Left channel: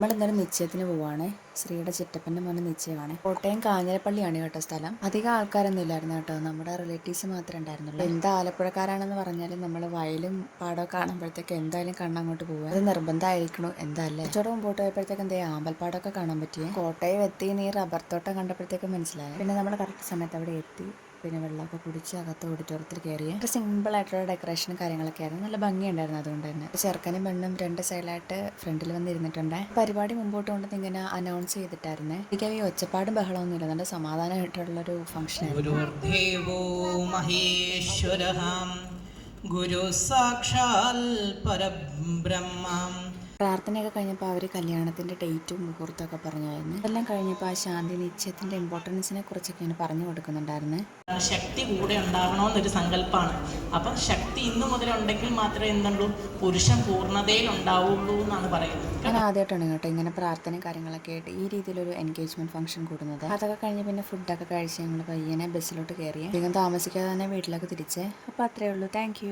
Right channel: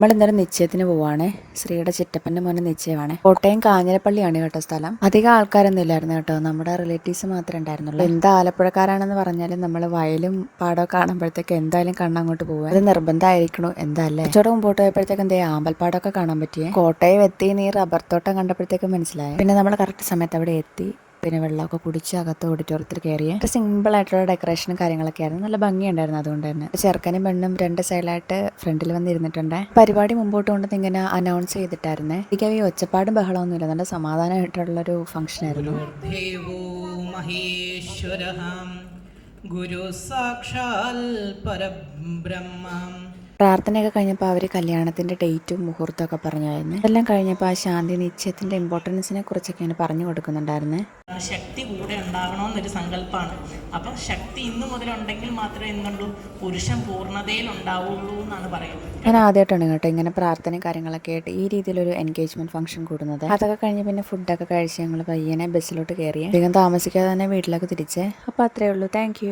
നമ്മൾ ഇന്നലെ നിശ്ചയത്തിന് പോവാണ്. ശ്രീയുടെ ചിറ്റപ്പന്റെ മോനെ നിശ്ചയമാണ്. കോട്ടയം കാഞ്ഞിരപ്പള്ളിയാണ് കേട്ടോ സ്ഥലം. അധികം ആൾക്കാരൊന്നും ഇല്ലായിരുന്നു കേട്ടോ. നമ്മുടെ റിലേറ്റീവ്സ് മാത്രമേ ഉണ്ടായിരുന്നുള്ളൂ. എന്താ ആലപ്പുഴക്കാരാണെന്ന് പറഞ്ഞാലും നമ്മൾ വയലും പാടോ കാണുമ്പോഴത്തേക്ക് എന്തായാലും കണ്ണങ്ങോട്ട് പോകുക അത് നിർബന്ധമായിരിക്കണോ. എന്താ അല്ലേ കുറച്ചുകൂടെ മുമ്പോട്ട് പോയപ്പോഴത്തേക്ക് എന്തേ? ആമ്പൽപ്പാടമൊക്കെ കാണാൻ പറ്റിയേ? കോട്ടയം എത്തി നീ റബ്ബർ തോട്ടം കണ്ടപ്പോഴത്തേക്ക് മനസ്സിലായി? പിന്നെ നമ്മൾ കറക്റ്റ് സമയത്ത് അവിടെ എത്തി. പിന്നെ വെള്ളമൊക്കെ കുടിച്ച് അകത്ത് ഓഡിറ്റോറിയത്തിൽ കയറിയ. സിമ്പിൾ ആയിട്ടുള്ള ഡെക്കറേഷനും കാര്യങ്ങളൊക്കെ ആയിരുന്നു. നല്ല ഭംഗിയുണ്ടായിരുന്നു അതുകൊണ്ട് തന്നെ. ചെറുക്കനും പെണ്ണും രണ്ട് സൈഡിലായിട്ട് ഫ്രണ്ടിൽ വന്നിരുന്നിട്ടുണ്ട്. പരിപാടി മുമ്പോട്ട് കൊണ്ട് ഇങ്ങനെ അനൗൺസ് ചെയ്തിട്ടായിരുന്നു. എനിക്ക് ഈ ഒച്ചപ്പാടും ബഹളമൊന്നും ഇല്ല നല്ല സമാധാനമായിട്ടുള്ളൊരു ഫംഗ്ഷൻ ആയിരുന്നു. ഗുരു സാക്ഷാൽ പരബ്രഹ്മം. പ്രാർത്ഥനയൊക്കെ കഴിഞ്ഞപ്പോൾ അവർ കല്യാണത്തിന്റെ ഡേറ്റും മുഹൂർത്തമൊക്കെ പറഞ്ഞായിരുന്നു. എല്ലാം കഴിഞ്ഞപ്പോൾ ആ ശാന്തി നിശ്ചയത്തിന്റെ ഇമ്പോർട്ടൻസിനെ കുറിച്ചൊക്കെയാണ് പറഞ്ഞു കൊടുക്കുന്നുണ്ടായിരുന്നത് ശക്തി കൂടെ ഉണ്ടാവണമെന്നൊരു സങ്കല്പമാണ് അപ്പം ശക്തി ഇന്നു മുതലുണ്ടെങ്കിൽ മാത്രമേ എന്തുള്ളൂ? പുരുഷൻ പൂർണതയിൽ ഉണ്ടാവുള്ളൂ എന്നാണ് പറയുന്നത്. ഞാൻ ആദ്യമായിട്ടാണ് കേട്ടോ ഇങ്ങനെ പ്രാർത്ഥന കാര്യങ്ങളൊക്കെ ആയിട്ട് ഈ രീതിയിലൊരു എൻഗേജ്മെന്റ് ഫംഗ്ഷൻ കൂടുന്നത്. അതൊക്കെ കഴിഞ്ഞ് പിന്നെ ഫുഡൊക്കെ കഴിച്ച് ഞങ്ങൾ പയ്യനെ ബസ്സിലോട്ട് കയറി അധികം താമസിക്കാതെ തന്നെ വീട്ടിലൊക്കെ തിരിച്ചേ. അപ്പോൾ അത്രേ ഉള്ളൂ. താങ്ക്